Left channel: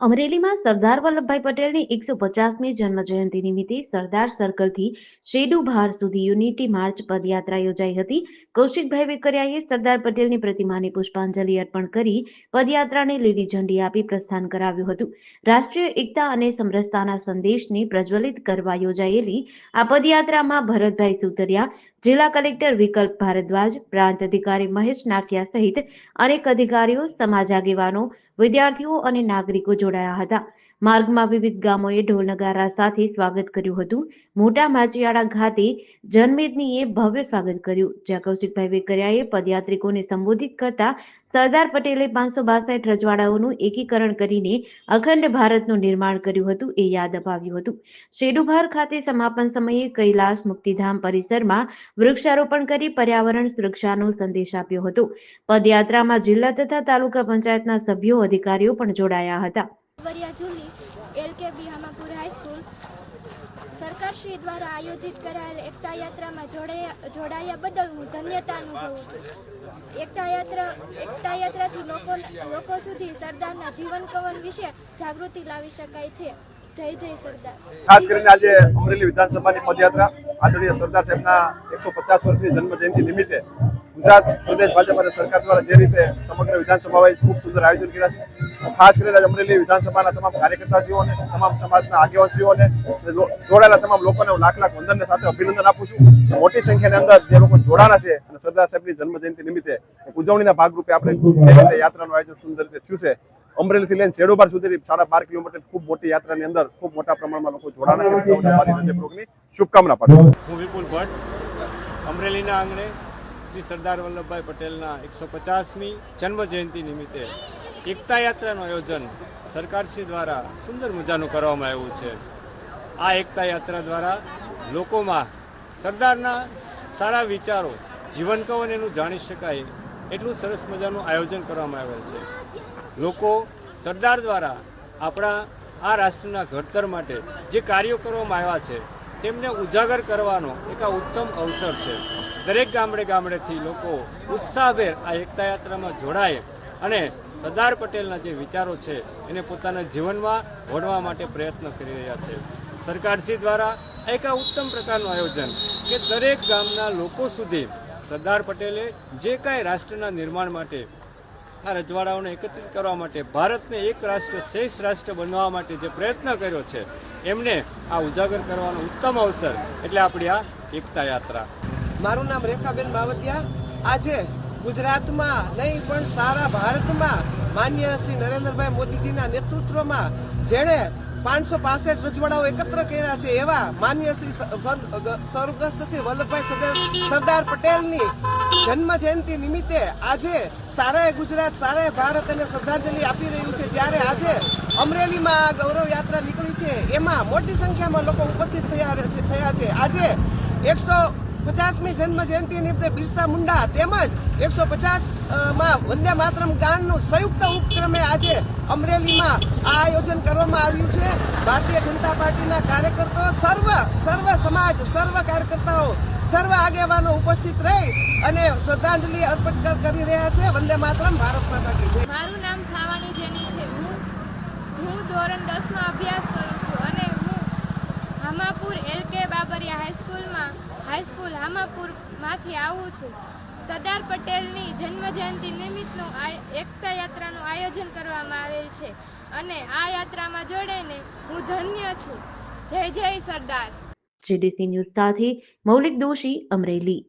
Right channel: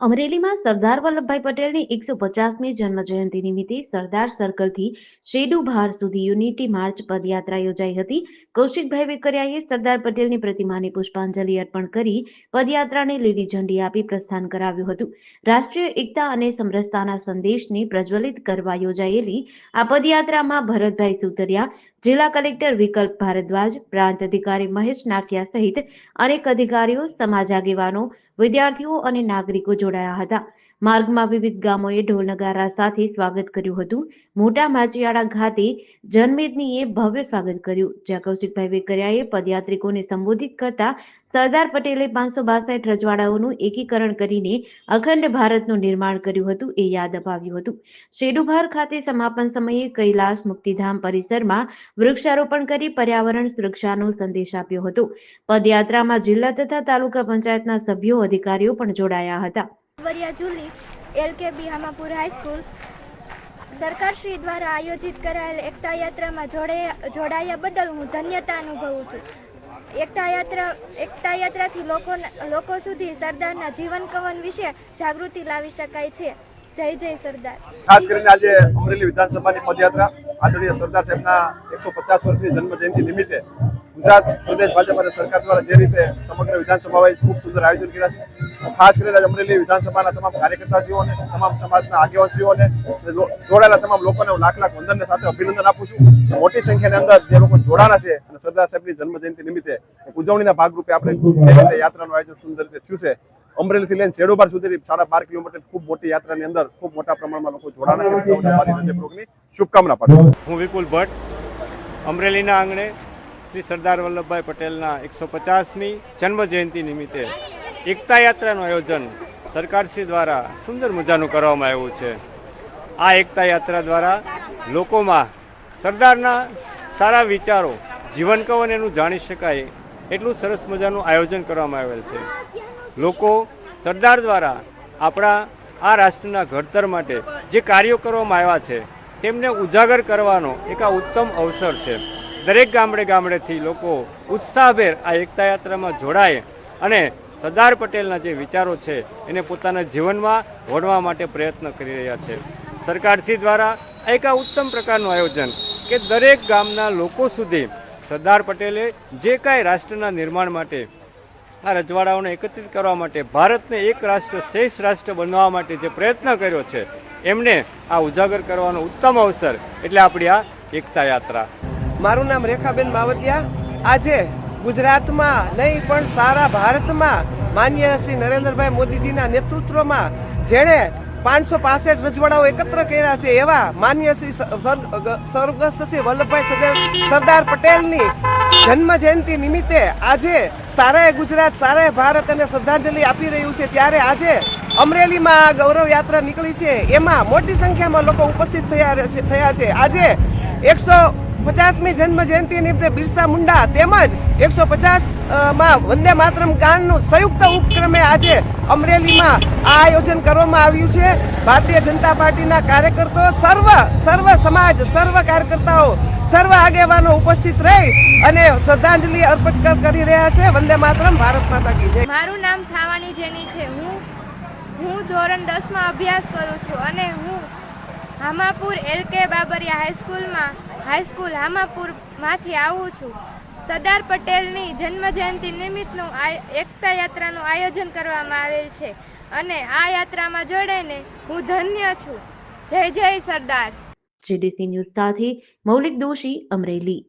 અમરેલીમાં સરદાર વલ્લભભાઈ પટેલની એકસો પચાસમી જન્મ જયંતિ નિમિત્તે સરદાર સર્કલથી શેડુ બહાર સુધી યુનિટી માર્ચ પદયાત્રા યોજાઈ હતી. કૌશિકભાઈ વેકરિયાએ સરદાર પટેલની પ્રતિમાને પુષ્પાંજલિ અર્પણ કરી પદયાત્રાને લીલી ઝંડી આપી પ્રસ્થાન કરાવ્યું હતું. રાષ્ટ્રીય એકતા અને સમરસતાના સંદેશને પ્રજ્વલિત કરવા યોજાયેલી આ પદયાત્રામાં ભરતભાઈ સુતરિયા, જિલ્લા કલેક્ટર વિકલ્પ ભારદ્વાજ, પ્રાંત અધિકારી મહેશ નાખિયા સહિત અનેક અધિકારીઓ, સમાજ આગેવાનો વિદ્યાર્થીઓ અને નાગરિકો જોડાયા હતા. માર્ગમાં વિવિધ ગામોએ ઢોલ નગારા સાથે સ્વાગત કર્યું હતું. મોટા માચિયાળા ખાતે જનમેદનીએ ભવ્ય સ્વાગત કર્યું. જ્યાં કૌશિકભાઈ વેકરિયાએ પદયાત્રિકોને સંબોધિત કરતા સરદાર પટેલે પાંચસો બાસઠ રજવાડાઓનું એકીકરણ કરીને અખંડ ભારતનું નિર્માણ કર્યું હતું એ યાદ અપાવ્યું હતું. શેડુભાર ખાતે સમાપન સમયે કૈલાસ મુક્તિધામ પરિસરમાં વૃક્ષારોપણ કરી પર્યાવરણ સુરક્ષાનો સંદેશ આપ્યો હતો. પદયાત્રામાં જિલ્લા તથા તાલુકા પંચાયતના સભ્યો, અધિકારીઓ પણ જોડાયા હતા. વરિયા જુલી એલકેબી હામાપુર હાઈસ્કૂલ સરકારશ્રી દ્વારા આયોજિત કરાયેલ એકતા યાત્રામાં જોડાયા બદલ હું ધન્યતા અનુભવું છું. એકતા યાત્રા, એકતા યાત્રાથી લોકો લોકો સુધી સરદારના જીવન કવન વિશે જાગૃતિ લાવી શકાય છે. જય જય સરદાર. ખાસ કરીને આજે અમરેલી વિધાનસભાની પદયાત્રા આદરણીય સરદાર સાહેબના એકસો પચાસ વર્ષની જન્મજયંતિ નિમિત્તે ગુજરાત પ્રદેશ ભાજપ અને સરકાર દ્વારા જે રીતે સમગ્ર વિધાનસભા ખૂબ સુંદર આયોજન કર્યા છે ખાસ કરીને અમરેલી વિધાનસભાના તમામ કાર્યકર્તાશ્રીઓને, તમામ સમાજના આગેવાનશ્રીઓને જોડાયેલા તમામ લોકોને લાખ લાખ વંદનને સાથે અભિનંદન આપું છું. મોટી સંખ્યાની અંદર જે લોકો જોડાના છે, અને સરદાર સાહેબની જન્મજયંતિ નિમિત્તે ઉજવણીના ભાગરૂપે આપણે યાત્રાનું આયોજન સુંદર રીતે થયું છે, અમરેલીથી લઈને શેડોબાર સુધી સાડા બાર કિલોમીટર ખૂબ મોટી યાત્રાની અંદર ખૂબ મોટા પ્રમાણમાં લોકો જોડાના છે. શુભકામના પાઠવું હું વિપુલ ભટ્ટ, અમરેલીના આંગણે શ્રી સરદાર વલ્લભભાઈ પટેલના એકસો પચાસમી જન્મ જયંતિ નિમિત્તે એકતા યાત્રાનું આયોજન સરકારશ્રી દ્વારા સુંદર મજાનું કરવામાં આવ્યું છે. આ એકતા યાત્રા દ્વારા લોકોમાં સરદારના સારા વિચારો, જીવન કવન એનું જાણી શકાય એટલું સરસ મજાનું આયોજન કરવામાં આવેલ છે. લોકો સરદાર દ્વારા આપણા આ રાષ્ટ્રના ઘડતર માટે જે કાર્યો કરવામાં આવ્યા છે, તેમને ઉજાગર કરવાનો એક આ ઉત્તમ અવસર છે. દરેક ગામડે ગામડેથી લોકો ઉત્સાહભેર આ એકતા યાત્રામાં જોડાય અને સરદાર પટેલના જે વિચારો છે, એને પોતાના જીવનમાં વણવા માટે પ્રયત્ન કરી રહ્યા છે. સરકારશ્રી દ્વારા એક આ ઉત્તમ પ્રકારનું આયોજન કે દરેક ગામના લોકો સુધી સરદાર પટેલે જે કાંઈ રાષ્ટ્રના નિર્માણ માટે આ રજવાડાઓને એકત્રિત કરવા માટે ભારતને એક રાષ્ટ્ર શ્રેષ્ઠ રાષ્ટ્ર બનવા માટે જે પ્રયત્ન કર્યો છે, એમને આ ઉજાગર કરવાનો ઉત્તમ અવસર એટલે આપણી આ એકતા યાત્રા. મારું નામ રેખાબેન માવતિયા. આજે ગુજરાતમાં નહીં, પણ સારા ભારતમાં માન્ય શ્રી નરેન્દ્રભાઈ મોદીજીના નેતૃત્વમાં જેણે પાંચસો પાસઠ રજવાડાઓ એકત્ર કર્યા છે એવા માન્ય શ્રી સ્વર્ગસ્થ શ્રી વલ્લભભાઈ સરદાર પટેલની જન્મ જયંતિ નિમિત્તે આજે સારાએ ગુજરાત, સારાએ ભારત અને શ્રદ્ધાંજલિ આપી રહ્યું છે. ત્યારે આજે અમરેલીમાં આ ગૌરવ યાત્રા નીકળી છે. એમાં મોટી સંખ્યામાં લોકો ઉપસ્થિત થયા છે- થયા છે. આજે એકસો પચાસમી જન્મ જયંતિ નિમિત્તે બિરસા મુંડા તેમજ એકસો પચાસમાં વંદે માતરમ ગાનનું સંયુક્ત ઉપક્રમે આજે અમરેલીમાં આ આયોજન કરવામાં આવ્યું છે. ભારતીય જનતા પાર્ટીના કાર્યકર્તાઓ સર્વ સર્વ સમાજ, સર્વ કાર્યકર્તાઓ, સર્વ આગેવાનો ઉપસ્થિત રહી અને શ્રદ્ધાંજલિ અર્પણ કરી રહ્યા છે. વંદે માતરમ, ભારત માતા કી જય. મારું નામ થાવાની જેની છે. હું હું ધોરણ દસમાં અભ્યાસ કરું છું અને હું હામાપુર એલ કે બાબરિયા હાઈસ્કૂલમાં હાઈસ્કૂલ હામાપુરમાંથી આવું છું. સરદાર પટેલની જન્મજયંતિ નિમિત્તનું એકતા યાત્રાનું આયોજન કરવામાં આવેલ છે. અને આ યાત્રામાં જોડાઈને હું ધન્ય છું. જય જય સરદાર. જીડીસી ન્યૂઝ સાથે મૌલિક દોશી અમરેલી.